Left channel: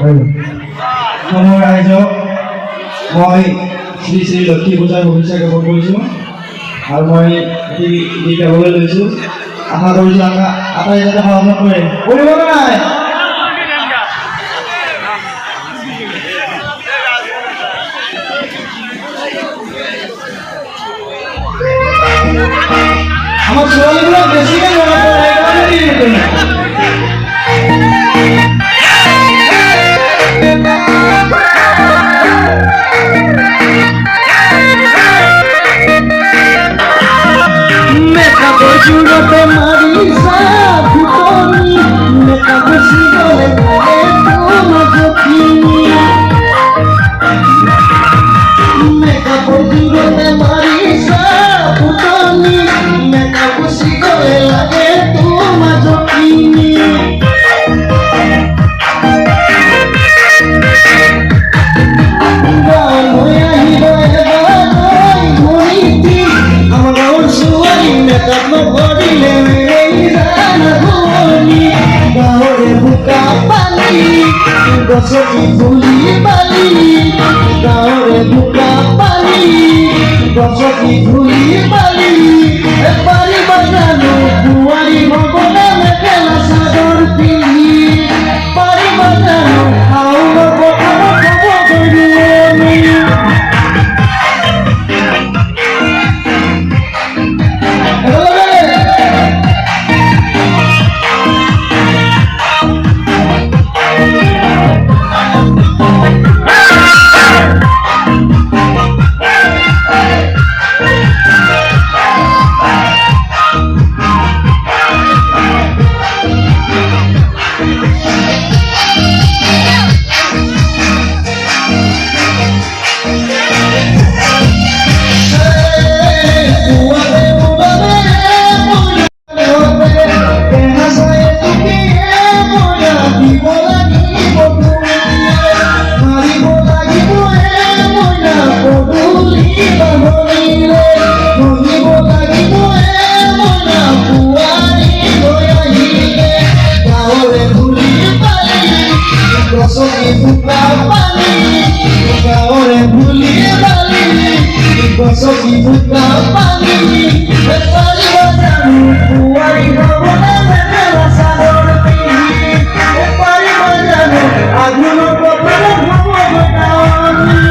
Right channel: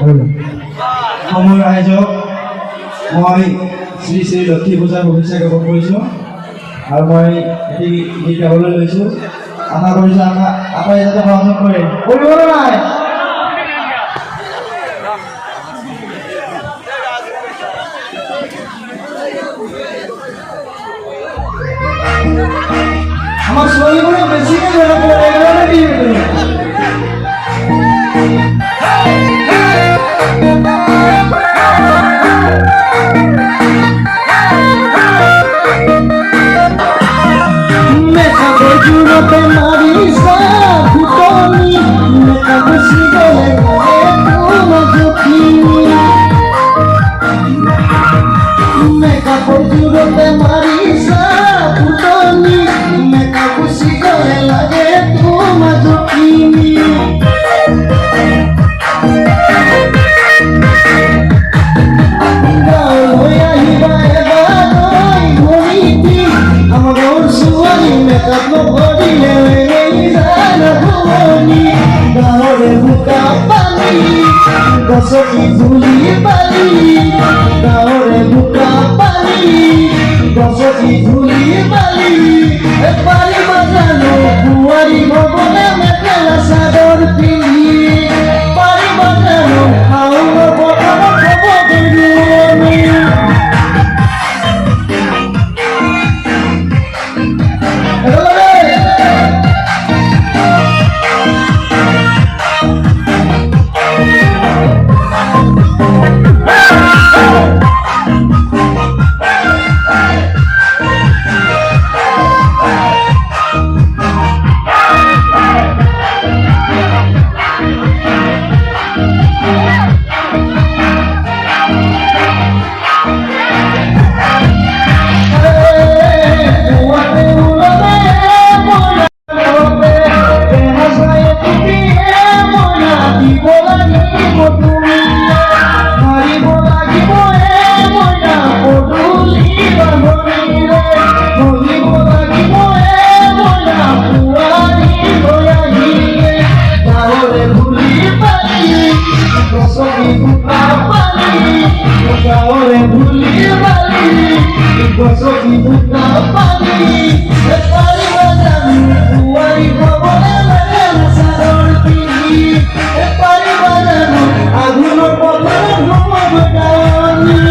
সময় ৰাইজক মই শ্ৰী শ্ৰী লক্ষ্মী পূজাৰ শুভেচ্ছা জ্ঞাপন কৰিছোঁ আৰু মই এটি গীত গাবলৈ লৈছোঁ। আশা কৰিছোঁ আটাই যাতে সহযোগ কৰে। কৰিব নাই আমার ছোৱালীবোৰক বেছিকৈ জুড়তে মারিসা ফুটনি মেকা খুশি গলে তোমার জখিনি মেকা জুড়তে মারিসা ফুটনি মেকা খুশি গলে লাগে তোমার জখিনি গছকি ধুলি বালি গাঁৱৰে বোকা পানী গছকি ধুলি বালি পাৰিব জানো বোৱাৰী ববলে মেখেলা চাদৰ পিন্ধি পাৰিব জানো শাওণ পথাৰত হ'ব গৰুৱনী গছকি বোকা পানী পাৰিব জানো বোৱাৰী ববলে মেখেলা চাদৰ পিন্ধি পাৰিব জানো আঘোণৰ পথাৰত হ'ব গৰুৱনী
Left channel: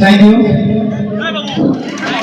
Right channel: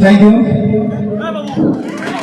Thank you.